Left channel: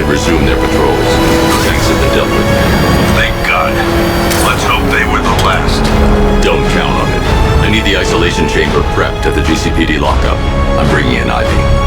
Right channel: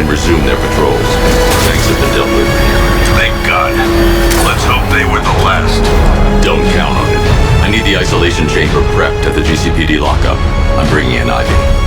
can resume their patrols. Thanks to the Delta. Thank God. Let's hope they were the last. Don't count on it. I need the isolation chamber prepped at the GCPD lockup. I'm bringing in Ivy.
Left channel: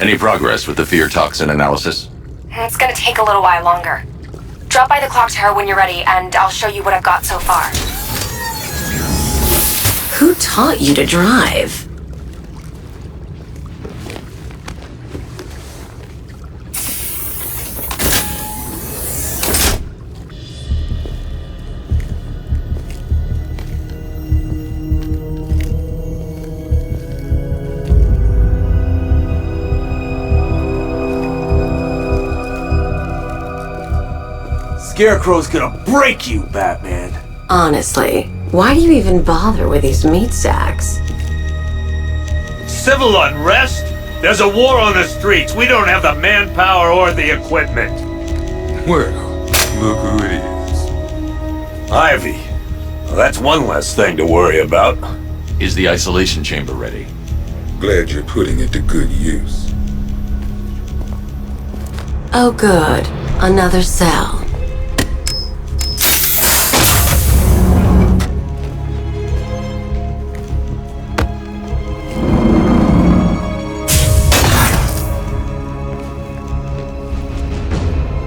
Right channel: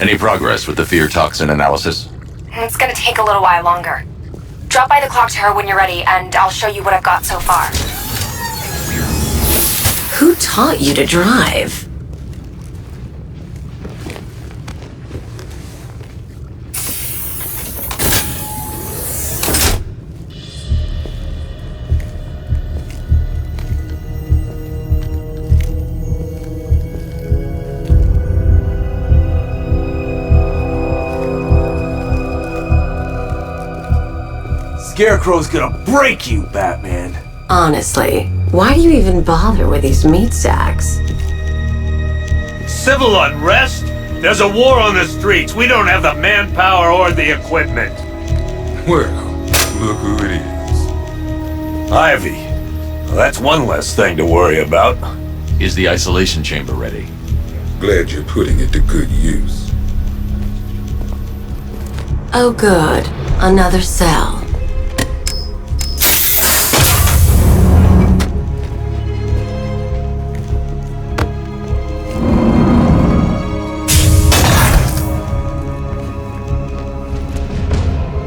Any progress with the fear toxin analysis? It's gonna take a little while longer. Drop by the clock tower when you're ready, and I'll show you what I've got so far. Who taught you to drive? Scarecrow's gonna break you, Batman. Honestly, why do you even bother with these meat sacks? Civil unrest? There's a war on the streets. We don't have the manpower or the equipment. Well, look who it is. Ivy. Well, that's one less thing to worry about. Is the isolation chamber ready? Glad you're putting it to good use. Oh good, another cell.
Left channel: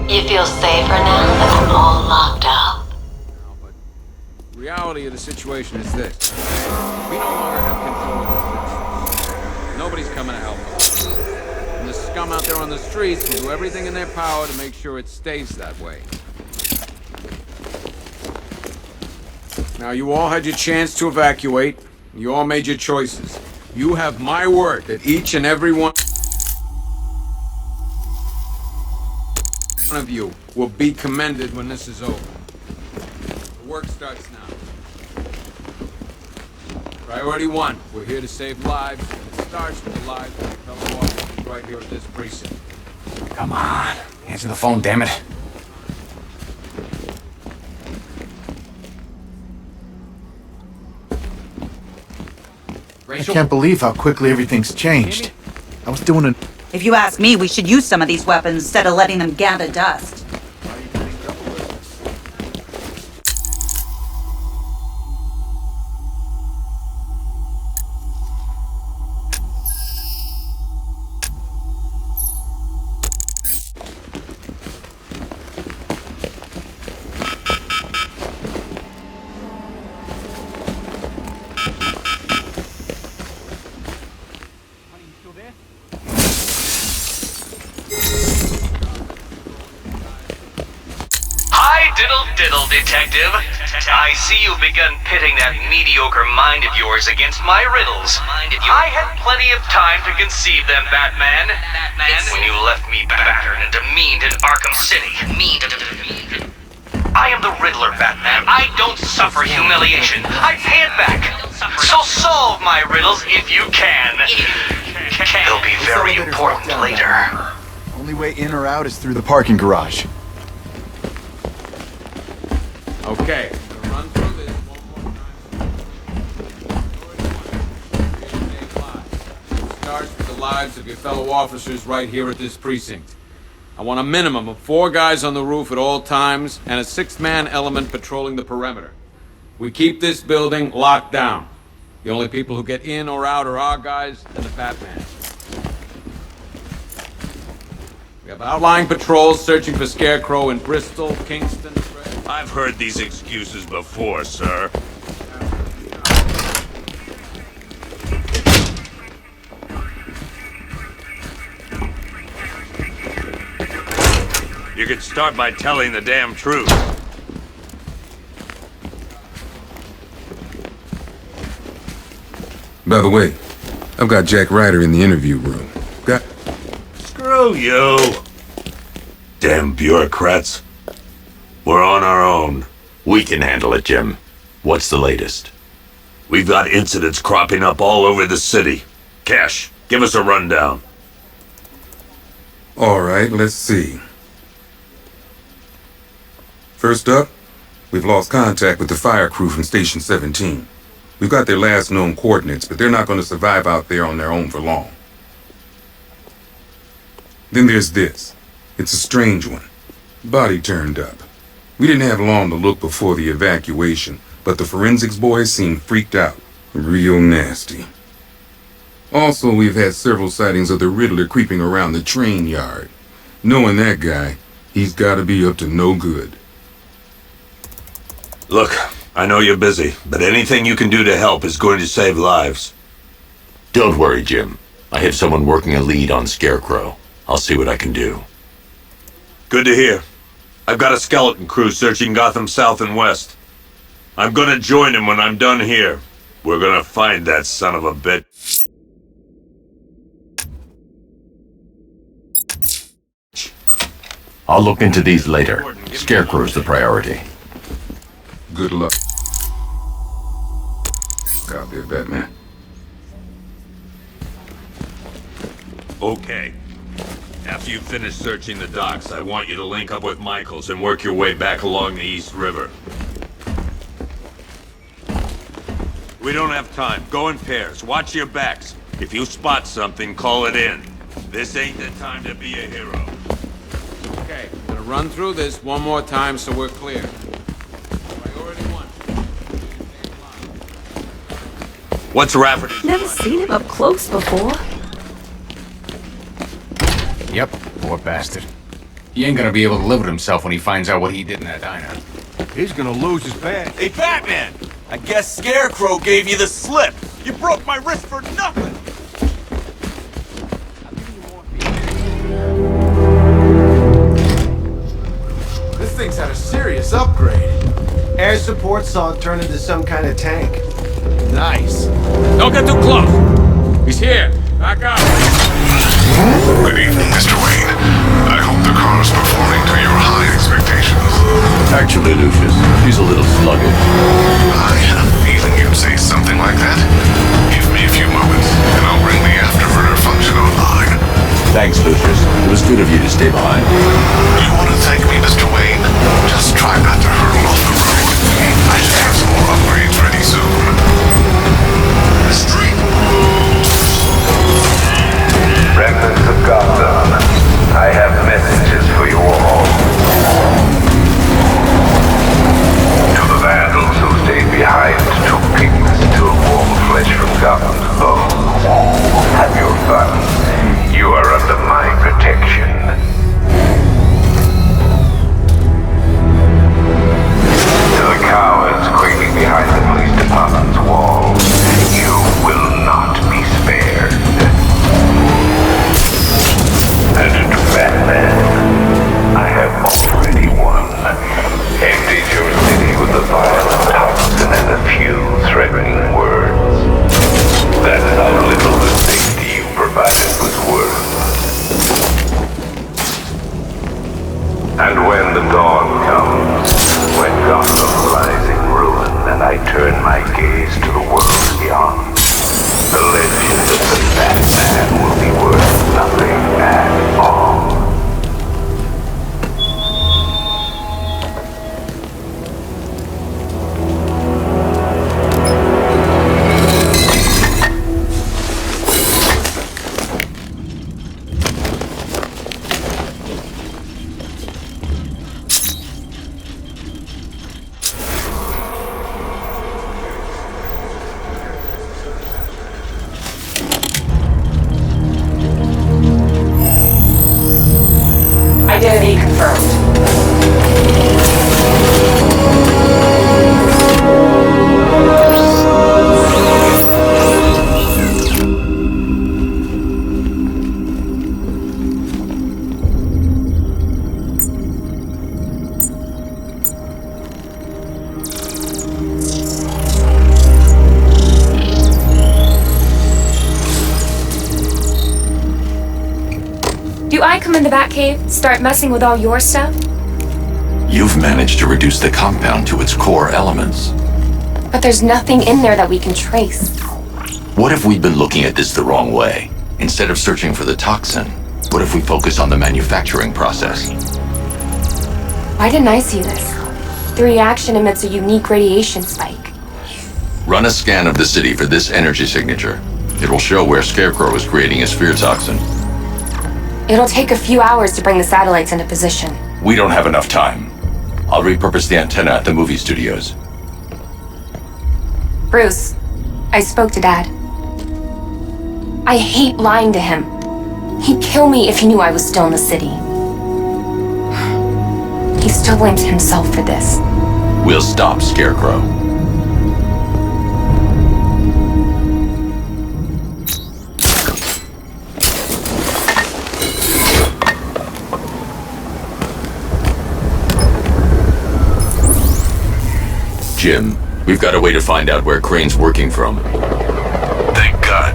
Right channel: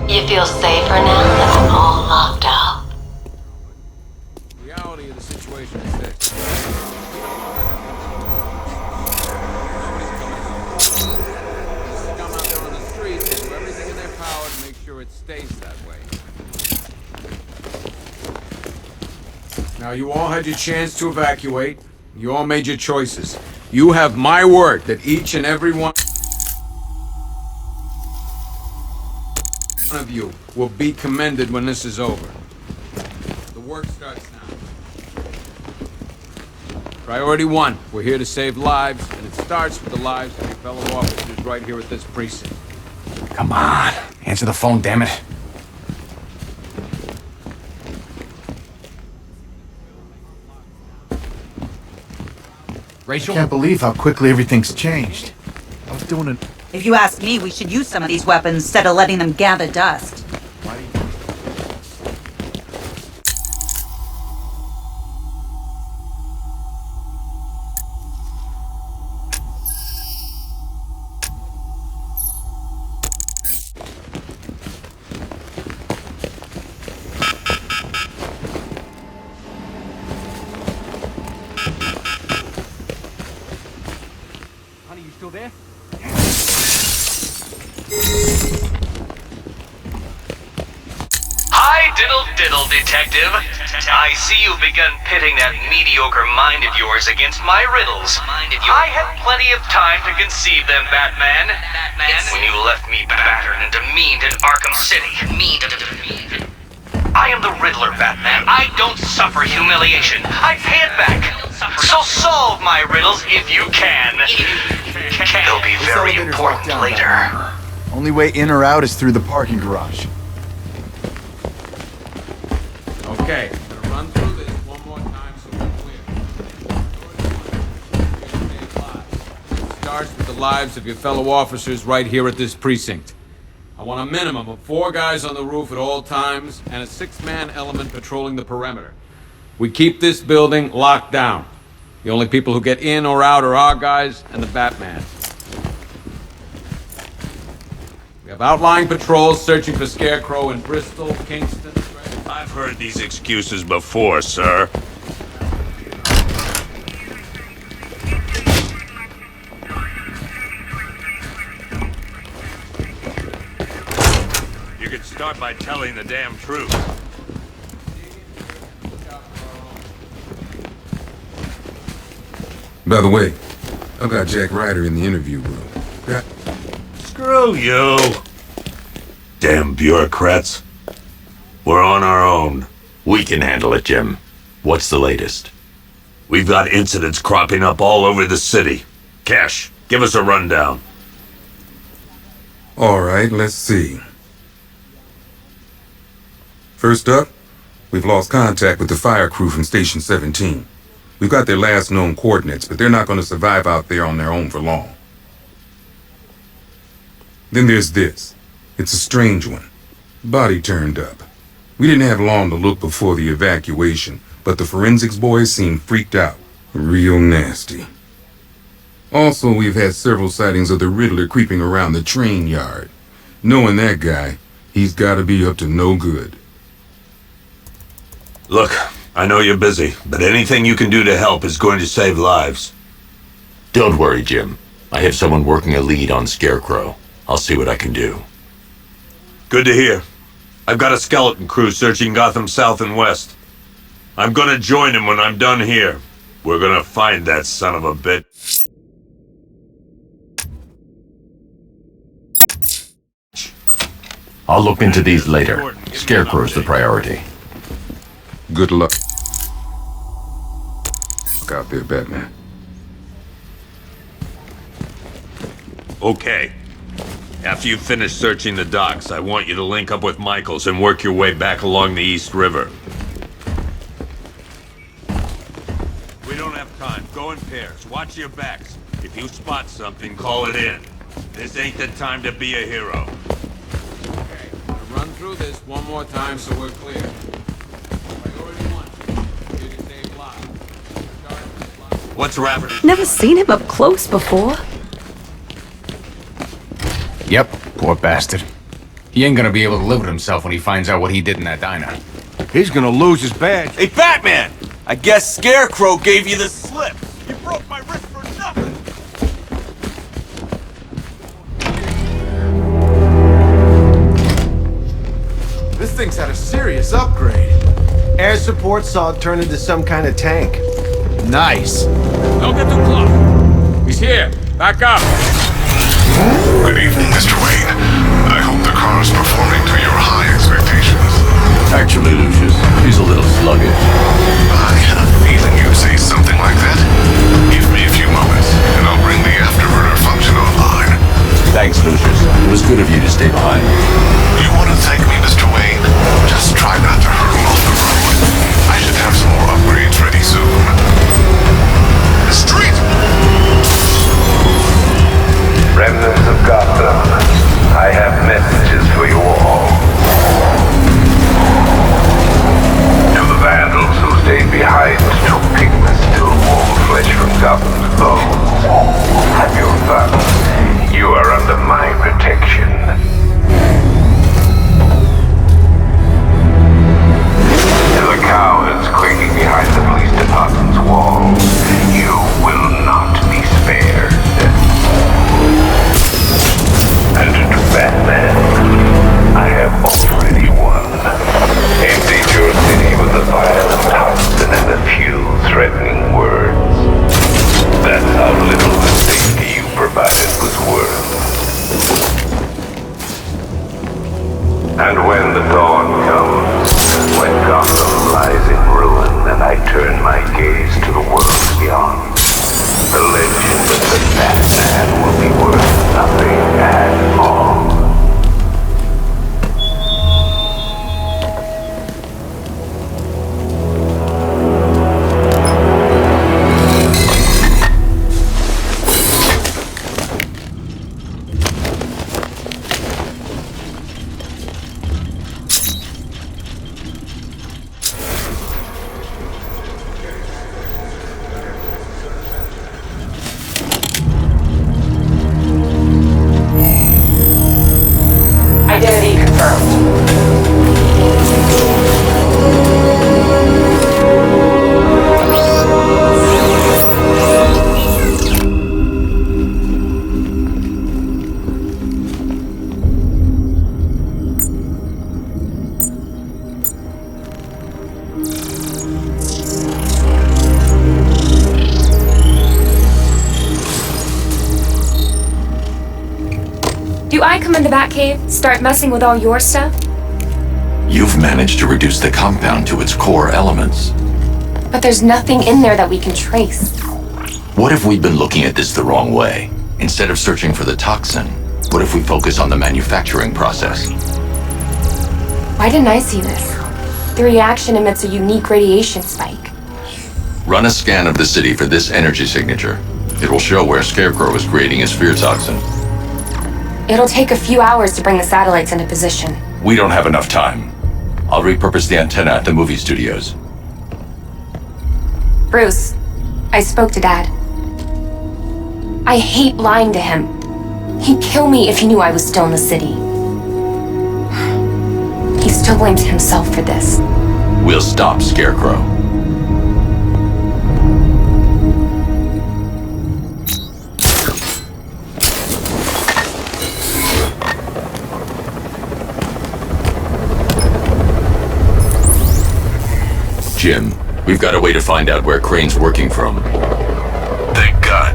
You feel safer now that I'm all locked up? Reality of the situation is this. We no longer have control of the situation. Nobody's coming to help us. And the scum out there on the streets will do everything in their power to make sure it stays that way. Now, you all had your chance to evacuate. You all made your choices. You have my word that each and every one of you will be commended when this is over. The work starts now. Priority 1, we're here to save lives, and it starts with the lives of your fellow officers right here at this precinct. Come on. Answer the phone, damn it. I can't believe how quickly everything's changed. I was doing it. If you ask me, we should use some of these weapons instead of letting them gather dust. Diddle, detective. I see you've begun pitting that mediocre mind of yours against my riddles. I had plenty of time to conceive them, Batman. When you left me battered and demeaned in Arkham City. I am the Riddler, Batman. I don't suffer humiliation. I pay it back. So solve my riddles if you can. They'll be very important later. Only way in or out is through the parking garage. Okay, I'm gonna run through this one more time so we're clear. It starts with the lives of your fellow officers right here at this precinct. I want a minimum of 4 guys on the roof at all times and a 6-man element patrolling the perimeter. We keep this building locked down. The only people who get in or out are our guys and the Batman. We have outlying patrols searching for Scarecrow in Bristol, Kingston. I've heard these excuses before, sir. You could start by telling the damn truth. By the way, I've got Jack Ryder in the interview room. Screw you. Damn bureaucrats. We're on our own. We can handle it, Jim. What's the latest? We've got incidents cropping up all over the city. Cash, give us a rundown. All right, let's see. First up, we've lost contact with the fire crew from Station 17. We've got their last known coordinates, but they're not going to survive out there on their own for long. Then there's this. It's a strange one. Body turned up. We didn't have long to look before the evacuation, but the forensics boys seemed freaked out. Real nasty. Also, we've had several sightings of the Riddler creeping around the train yard. Knowing that guy, he's got to be up to no good. Look, I know you're busy, but anything you can do to help is going to save lives. Don't worry, Jim. I have someone working a lead on Scarecrow. I'll see what I can do. Good to hear. I've got a skeleton crew searching Gotham south and west. I'm gonna join him when I'm done here. We're gonna find that son of a bitch. I'll look into these later. Scarecrow's the priority. Good luck. Look out there, Batman. Okay. After you finish searching the docks, I want you to link up with Michaels and work your way back along the East River. We don't have time. Go in pairs. Watch your backs. If you spot something, call it in. This ain't the time to be a hero. Okay, I'm gonna run through this one more time so we're clear. Priority 1. What's Rafferty? Never seen him up close before. Yep, poor bastard. He ain't gonna be able to live with himself when he finds out what he did in that diner. He's gonna lose his badge. Hey, Batman! I guess Scarecrow gave you the slip. You broke my wrist for nothing. This thing's had a serious upgrade. Air support saw it turn into some kind of tank. Nice. Don't get too close! He's here! Back up! Good evening, Mr. Wayne. I hope the car is performing to your high expectations. Actually, Lucius, he's a little sluggish. I had a feeling you'd say something like that. Give me a few moments, and I'll bring the afterburner function online. Thanks, Lucius. It was good of you to stay behind. You want to thank me, Mr. Wayne? Just try not to hurtle off the road. I should have some more upgrades ready soon. Street! Remnants of Gotham, I have messages for you all. To the vandals who stayed behind to pick the still warm flesh from Gotham's bones, have your fun. You are under my protection. To the cowards quaking behind the police department's wall, you will not be spared. And to Batman, I have already won. Emptied your city with the vial of toxin and a few threatening words. That's how little the safety you provided was worth. And when the dawn comes, when Gotham lies in ruin and I turn my gaze to the world beyond, the legend of the Batman will be worth nothing at all. Identity confirmed. Do I come in the Batcave, start messing with all your stuff? You've managed to reduce the compound to its core elements. But there's nothing in there that we can trace. What if we've been looking at this the wrong way? Instead of searching for the toxin, what if we focus on the manufacturing process? Why didn't I see this? The reaction emits a unique radiation spike. Run a scan of the city for this energy signature. It will show where Scarecrow is creating his fear toxin. It'll take a few hours to bring the satellites into position. We don't have enough time. I'll repurpose the antenna at the movie studios. Bruce, I spoke to Dad. I hate lying to him. He'd kill me if he knew I was still in the city. He still blames himself for this. We'll stop Scarecrow. Jim, we've got a way to find out where Crane's working from. Thank God.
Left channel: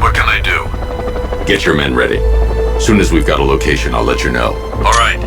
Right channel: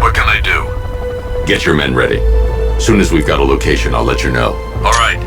What can I do? Get your men ready. Soon as we've got a location, I'll let you know. All right.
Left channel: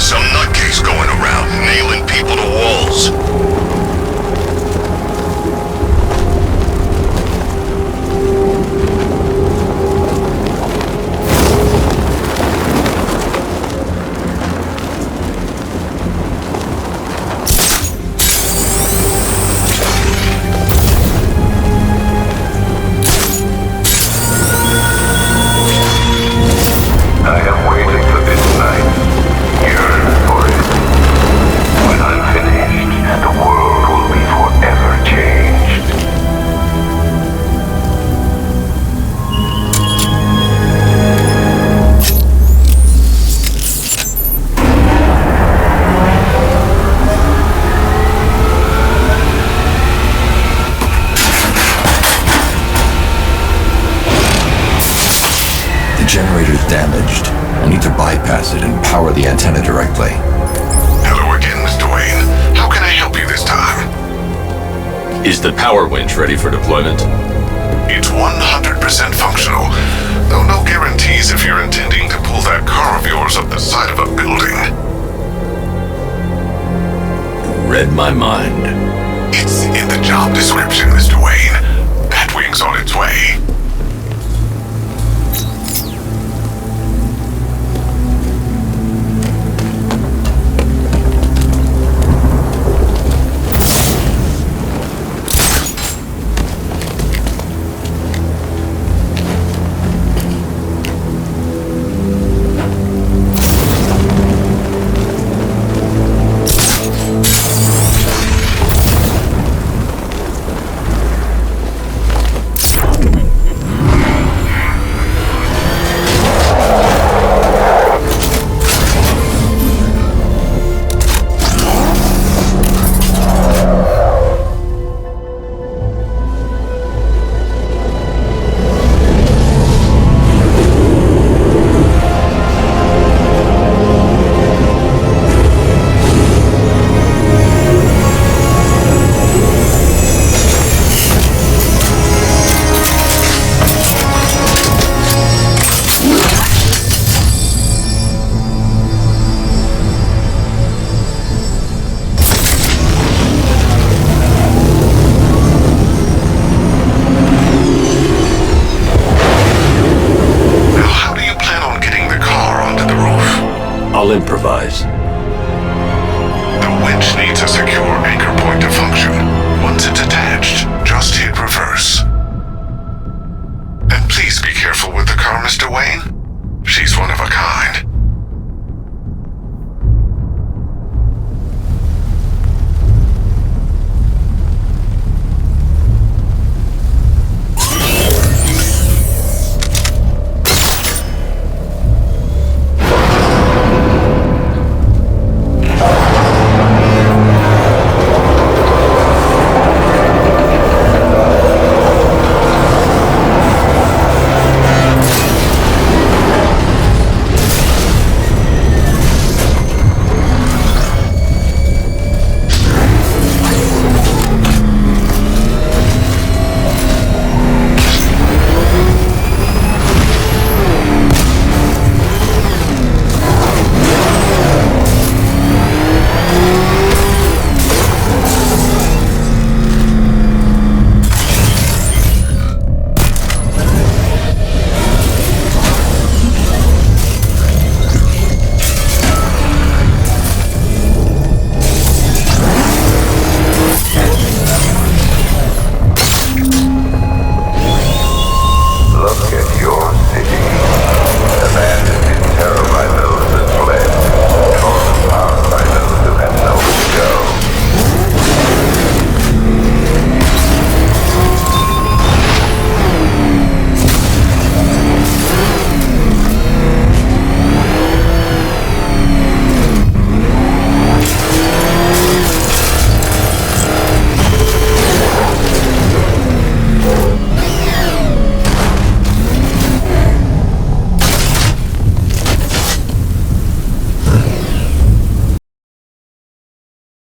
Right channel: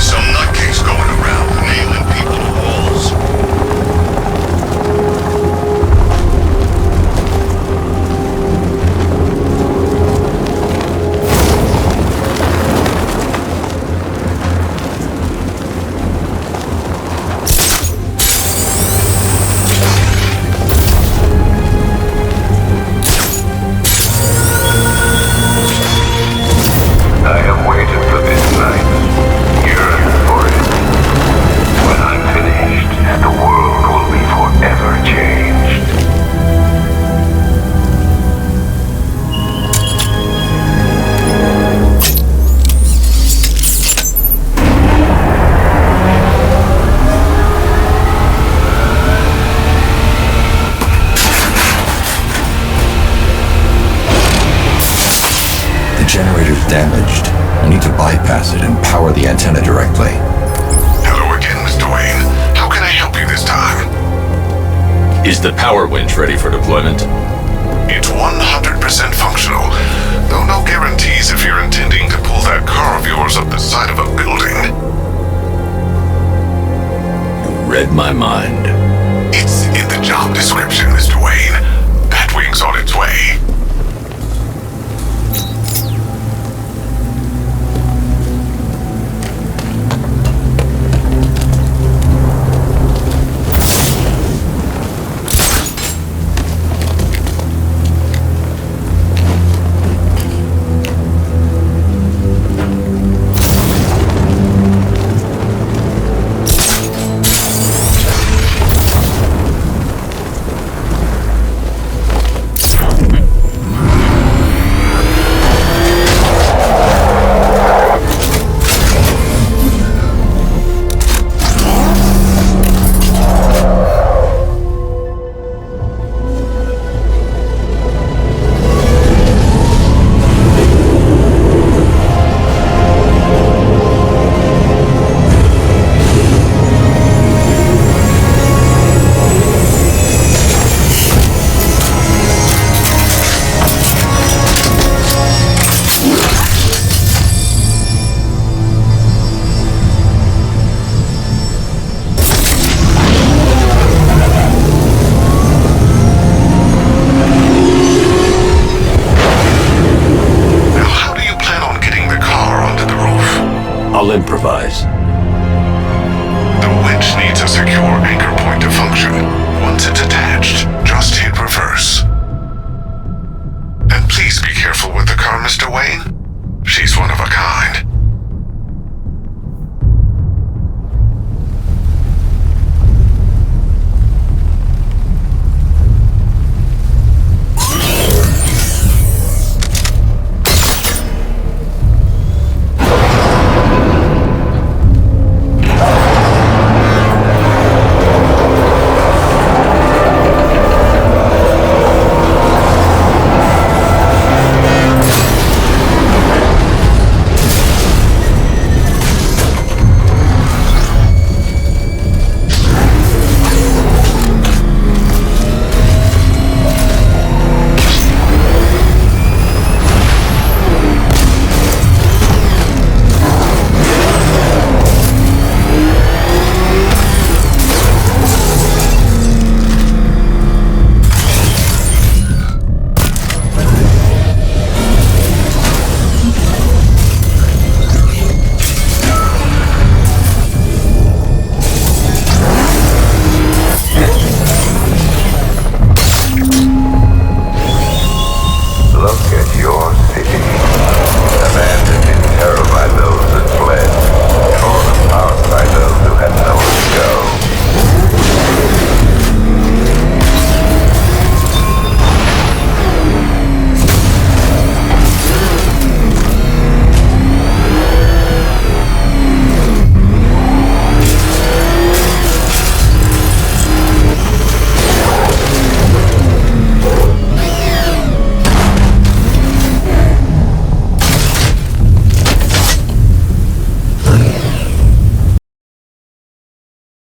Some to bypass it and power the antenna directly. Hello again, Mr. Wayne. How can I help you this time? Is the power winch ready for deployment? It's 100% functional, though no guarantees if you're intending to pull that car of yours up the side of a building. You read my mind. It's in the job description, Mr. Wayne. Batwing's on its way. I'll improvise. The winch needs a secure anchor point to function. Once it's attached, just hit reverse. And please be careful with the car, Mr. Wayne. She's one of a kind.